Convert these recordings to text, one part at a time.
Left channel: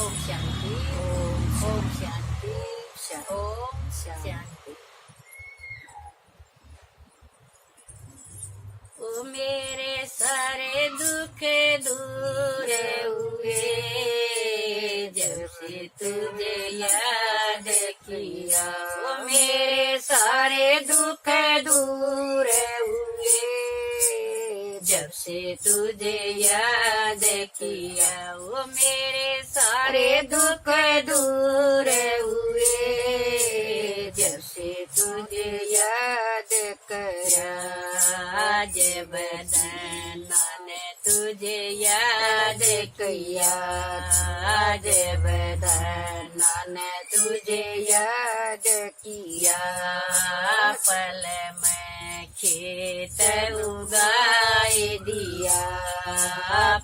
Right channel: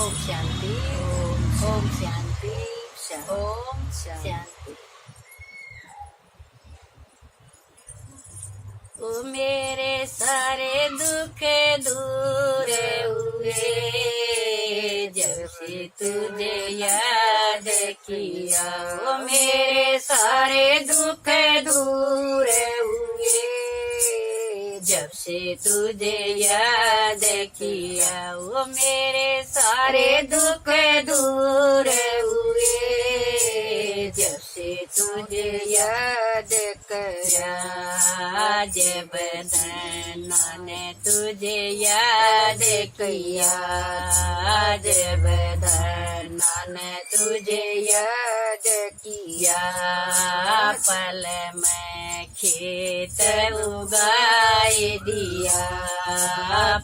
ओम शांति। ओम ओम शांति। शांति। ओम शांति। शांति। ओ मेरे सारे दुख दूर हुए जब से तुझे याद किया। ओ मेरे सारे दुख दूर हुए जब से तुझे याद किया। ओ मेरे सारे दुख दूर हुए जब से तुझे याद करा। जब धन्ना ने तुझे याद किया। जब धन्ना ने तुझे याद किया। पल में खेत उगाए दिया।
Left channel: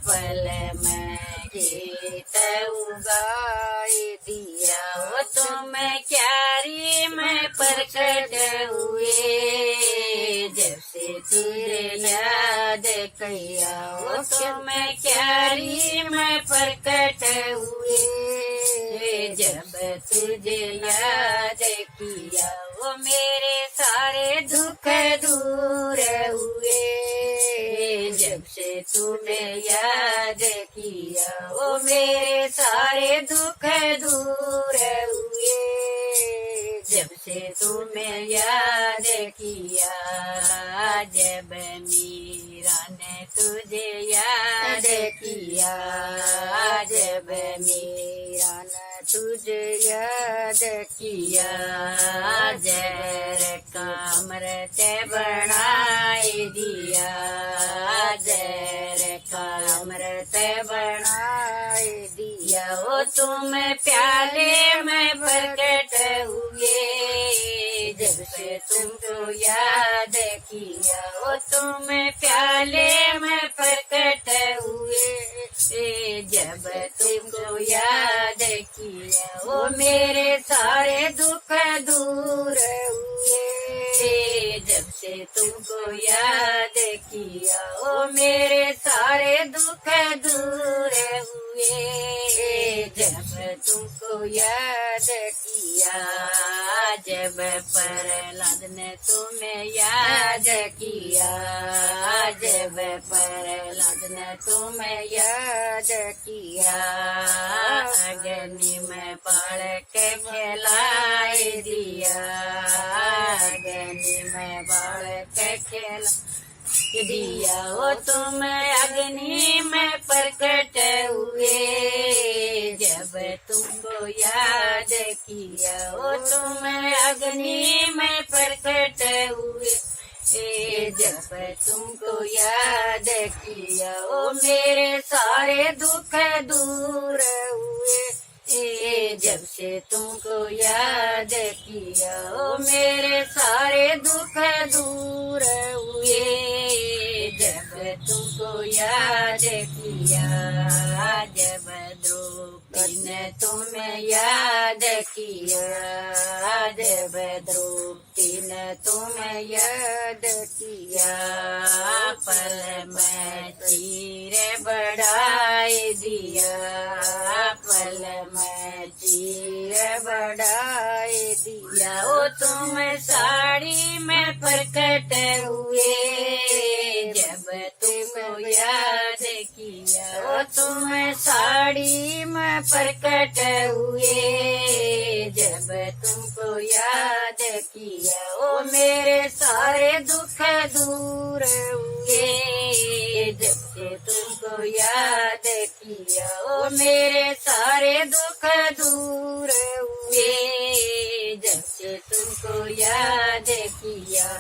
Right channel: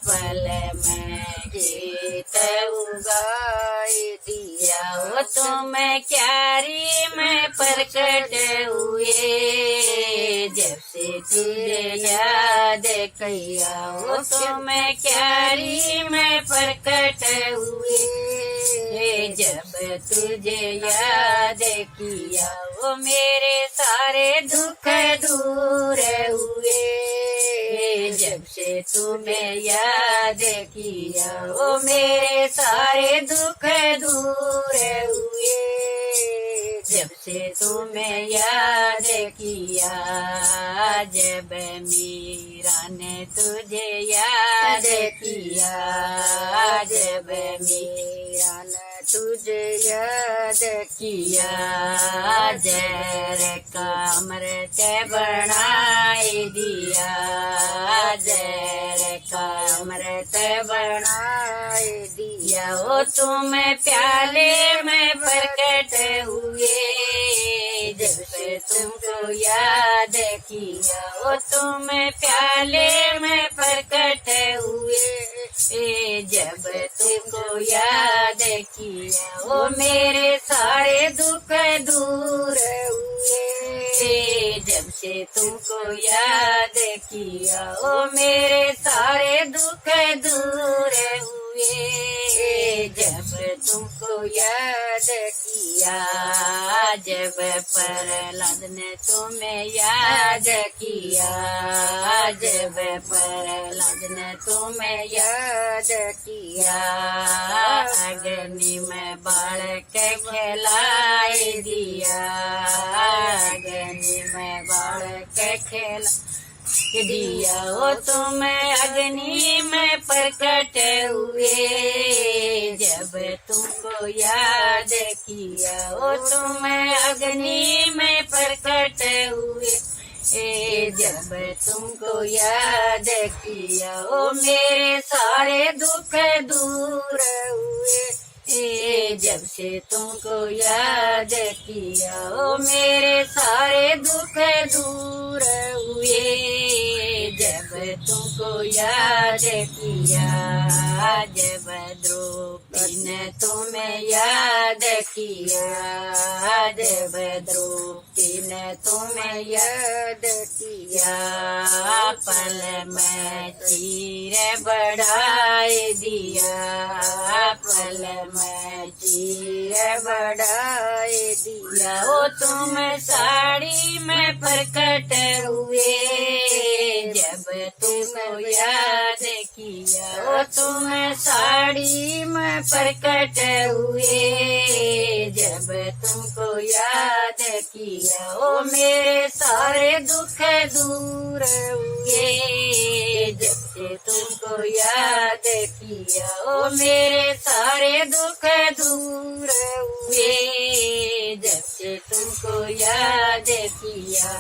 पल में खेत उगाए दिया। वो तुम क्यारी में प्रकट हुए जब से तुझे याद किया। वो तुम क्यारी में प्रकट हुए जब तुझे याद किया। वो मेरे सारे दुख दूर हुए जब से तुम्हें याद किया। वो मेरे सारे दुख दूर हुए जब से तुम्हें याद किया। जब मीरा ने तुझे याद किया। जब मीरा ने तुझे याद किया। जर का अमृत बनाए दिया। जर का अमृत बनाए दिया। वो तुम प्याले में प्रकट हुए जब से तुमको याद किया। वो तुम प्याले में प्रकट हुए जब तुमको याद किया। वो मेरे सारे दुख दूर हुए जब से तुमको याद किया। वो मेरे सारे दुख दूर हुए जब तुमको याद किया। जब प्रहलाद ने तुम्हें याद किया। जब प्रहलाद ने तुम्हें याद किया। अग्नि में बालक खिलाए दिया। अग्नि में बालक खिला दिया। वो तुम अग्नि में प्रकट हुए जब तुमको याद किया। वो तुम अग्नि में प्रकट हुए जब तुमको याद किया। वो मेरे सारे दुख दूर हुए जब से तुमको याद किया। वो मेरे सारे दुख दूर हुए जब तुमको याद किया। जब द्रौपदी ने तुम्हें याद किया। जब द्रौपदी ने तुम्हें याद किया। पल में चीर बढ़ाए दिया। पल में चीर बढ़ाए दिया। वो तुम साड़ी में प्रकट हुए जब तुमको याद किया। वो तुम साड़ी में प्रकट हुए जब तुमको याद किया। वो मेरे सारे दुख दूर हुए जब से तुमको याद किया। वो मेरे सारे दुख दूर हुए जब से तुमको याद किया।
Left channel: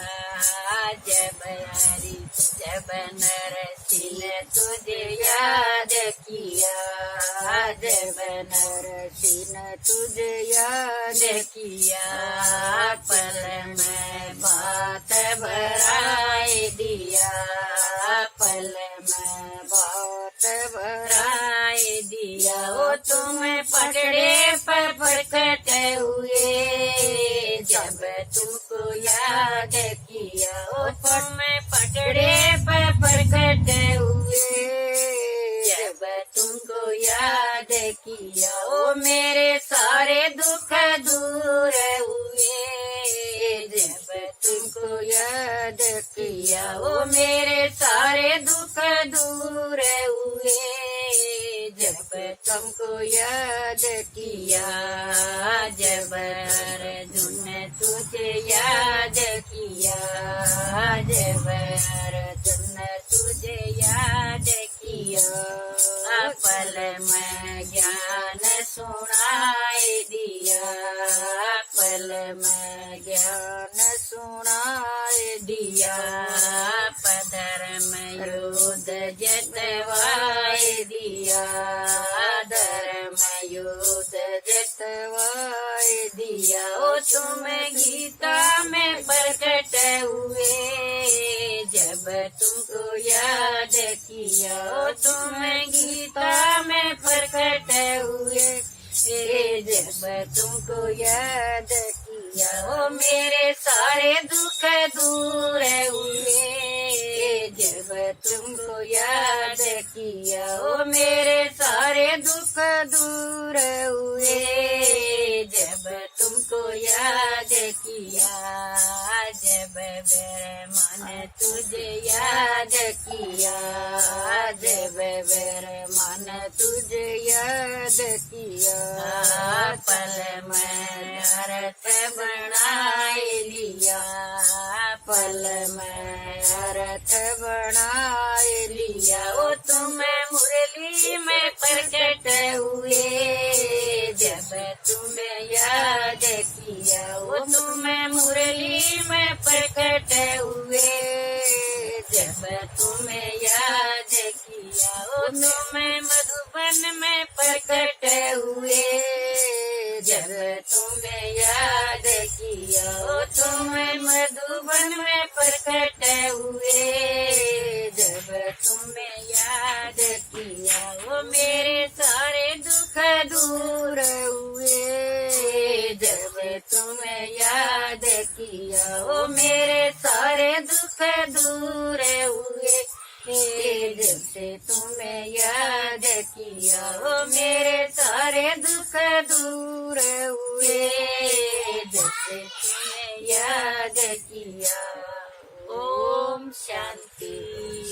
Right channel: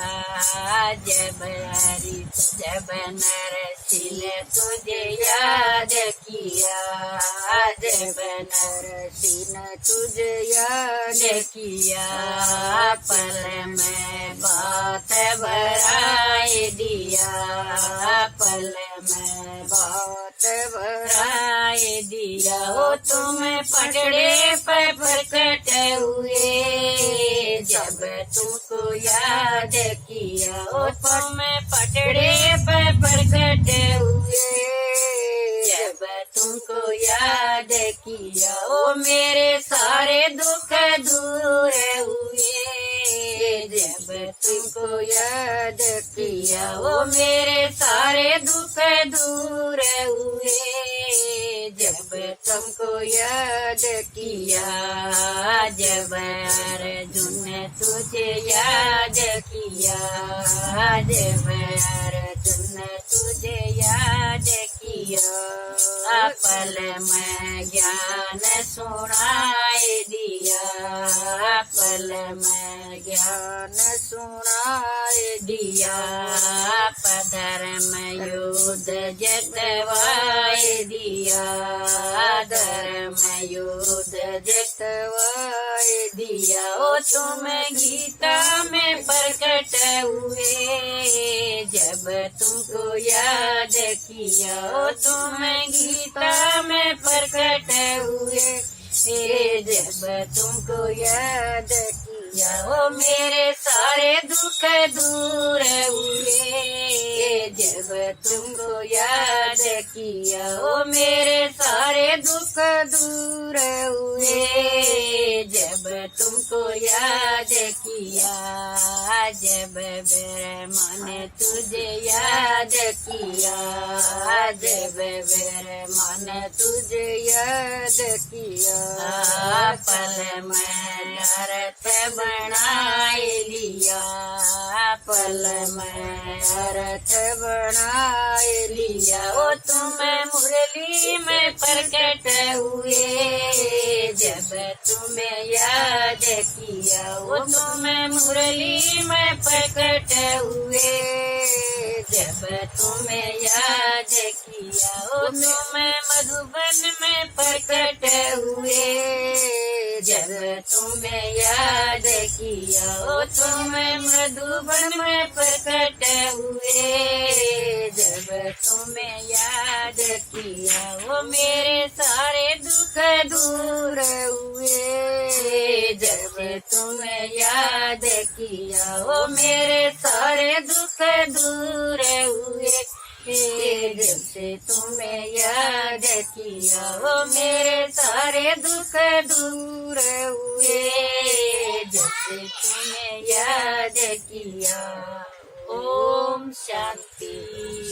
जब नरसिंह ने तुझे याद किया। जब नरसिंह ने तुझे याद किया। पल में बात भराए दिया। पल में बात भराए दिया। वो तुम पटड़े पर प्रकट हुए जब तुमको याद किया। वो तुम पटड़े पर प्रकट हुए जब तुमको याद किया, ओ मेरे सारे दुख दूर हुए जब तुमको याद किया, ओ मेरे सारे दुख दूर हुए जब तुमको याद किया, जब अर्जुन तुझे याद किया, जब अर्जुन तुझे याद किया, पल में ज्ञान सुनाए दिया, पल में ज्ञान सुनाए दिया, धर्म युद्ध जतवाए दिया, धर्म युद्ध जतवाए दिया, ओ तुम गीता में प्रकट हुए जब तुमको याद किया, ओ तुम गीता में प्रकट हुए जब तुमको याद किया, ओ मेरे सारे दुख दूर हुए जब तुमको याद किया, ओ मेरे सारे दुख दूर हुए जब तुमको याद किया, जब मेरे मन तुझे याद किया, जब मेरे मन तुझे याद किया, पल में अर्थ बनाए लिया, पल में अर्थ बनाए लिया, ओ तुम मुरली में प्रकट हुए जब तुम्हें याद किया, ओ तुम मुरली में प्रकट हुए जब तुम्हें याद किया, ओ तुम मधुबन में प्रकट हुए जब तुम्हें याद किया, ओ तुम मधुबन में प्रकट हुए जब तुम्हें याद किया, ओ मेरे सारे दुख दूर हुए जब तुम्हें याद किया, ओ मेरे सारे दुख दूर हुए जब से तुम्हें याद किया, ओ मेरे सारे दुख दूर हुए जब से तुम्हें याद किया। ओम शांति।